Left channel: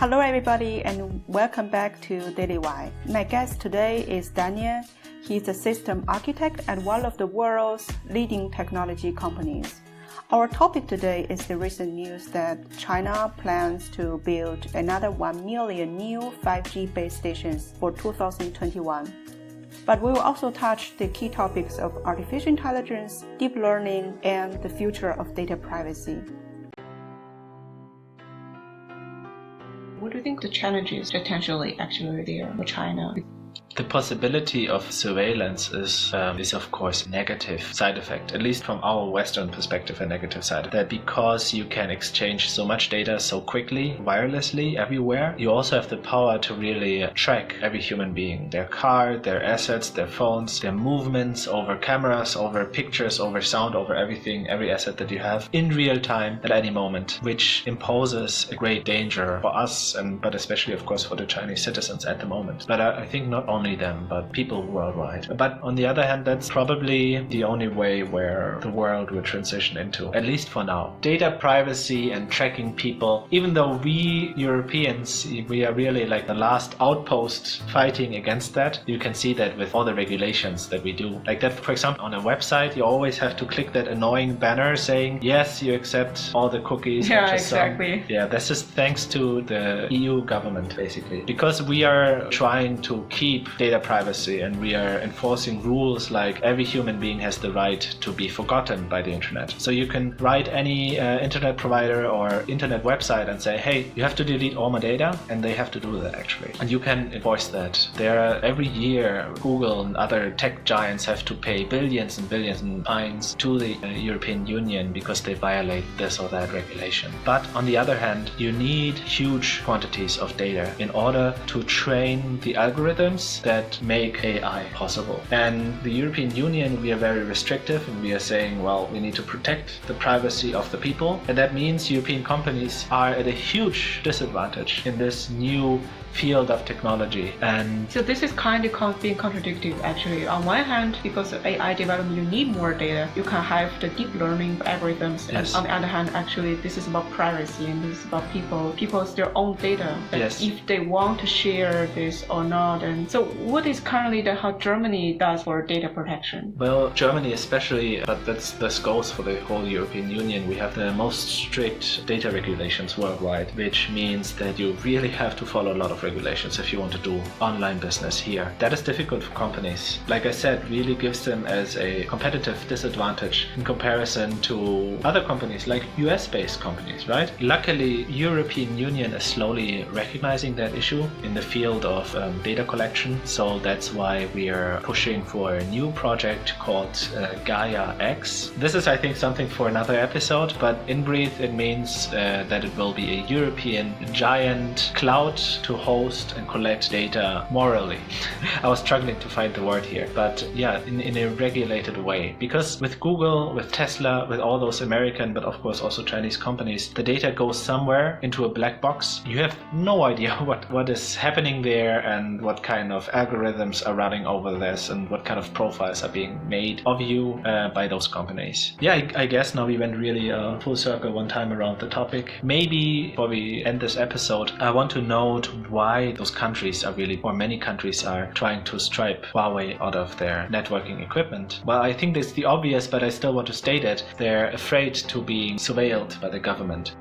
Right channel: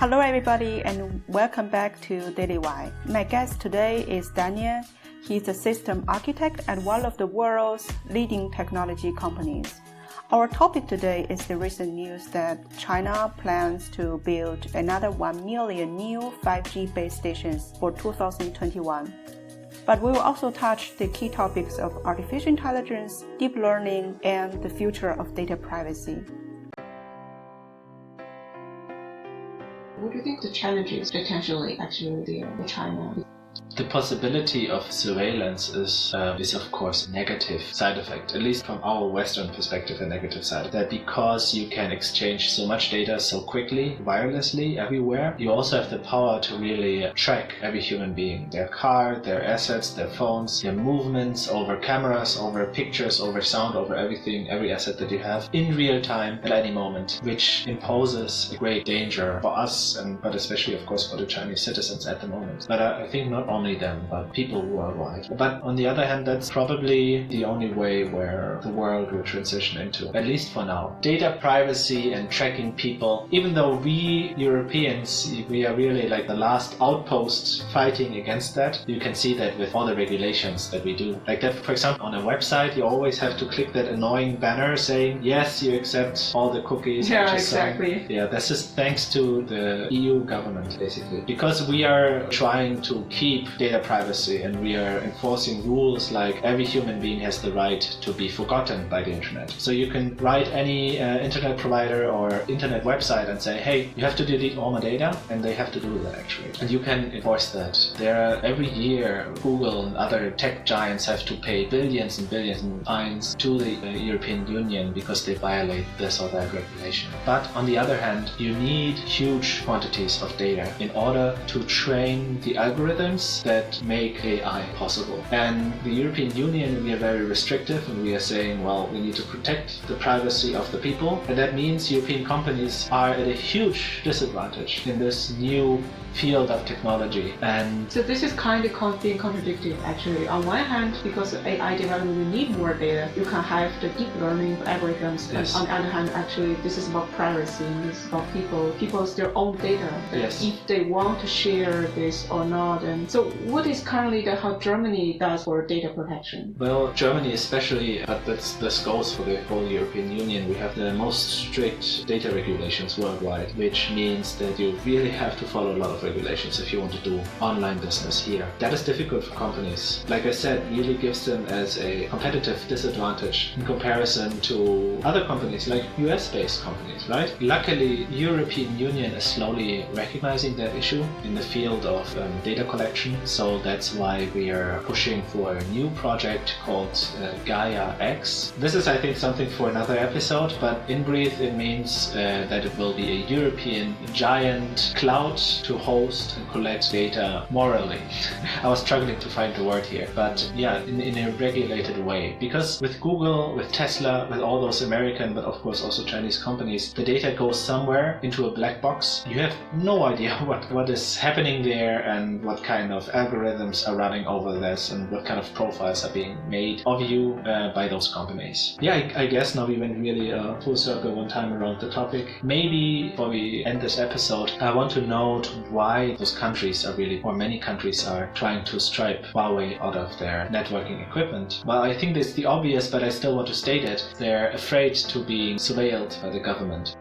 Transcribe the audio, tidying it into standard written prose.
Hello everybody and welcome back to Daily Y. My guest today is Daniel. He's a system architect at one of the world's leading technology companies. Our topic today is the recent news that China plans to build another 1 million new 5G base stations for 2021. But we will also touch the key topics of artificial intelligence, deep learning, and the future of data privacy. What do you think the challenges potentially actually there for China? The possibility of surveillance is of course a negative side effect, at least from our Western perspective, a negative side effect. That because you can exchange so much data so quickly, wirelessly, everywhere, you also have the power to really track every human being, their car, their assets, their phones, their movements over cameras, over pictures, over sound, over everything, every asset that you have in real time at any moment, which imposes a great danger for us, but especially of course for the Chinese citizens at the moment. But I think not only them, but people worldwide. But on the other hand, that's probably the only way where the world will transition into, at least for now. Data privacy and tracking people, even though we Europeans, we are really like the last outpost fighting against that. You can see that with all the regulations that we do. Like that, for example, on a website, you always have to click that annoying banner saying, yes, you accept all the cookies. Yeah, exactly. This is thanks to the EU government, basically. Because we are trying to keep data privacy and we are enforcing rules like every human being has the right to be forgotten by the internet. So you can write any internet provider or internet website and say, hey, you have to delete all my data, and they have to do that actually. And you can enforce that. Every year Google and other tech giants have to pay billions and billions in fines to the European Union because they violate this or that regulation. But on the other hand, you need huge quantities of data in order to train the algorithms that make AI possible. And the European Union, we are very restrictive and we are saying, well, we need to protect the privacy of the people. And that means European companies are at a huge disadvantage in this new field of technology. And so this is kind of being contradictory actually. On one hand, because of AI development, you need more data. You can have the deep learning algorithms. Yes. And on the other hand, actually, this is about privacy and this is about people's their own data. Yes. If they want to share this or not. And so what is currently how Germany does for data protection? Well, Germany especially, but this goes for the whole European Union. We have the most strict data regulations worldwide, which means that you really have to follow a lot of regulations if you want to do online business here. That is difficult for companies. Like I said, really gives them as a competitive disadvantage in comparison to other companies like US-based companies, right? Luckily, European Union is slowly recognizing that issue in the field of data collection. So that's why we are pushing for a new project called Gaia X. This is, I think, something for another episode, but in brief, it means that it will be a European giant cloud to host and collect data morally. I was struggling to find the word here, but yeah, in a regulated way. Because with Google, with Tesla, with all those American, but of course also Chinese companies, the data goes somewhere into a black box. You have no idea what is happening there and what kind of algorithms are running over this and what kind of profiles are being made of you by those companies. Yeah, I guess now we went really full circle one time around the topic. Maybe before we end this episode, I want to note why those countries are really, or many countries are trying to stripe Huawei out of their networking equipment. Well, I think it's the obvious, but I still want to state it. They're afraid to be surveilled by the government.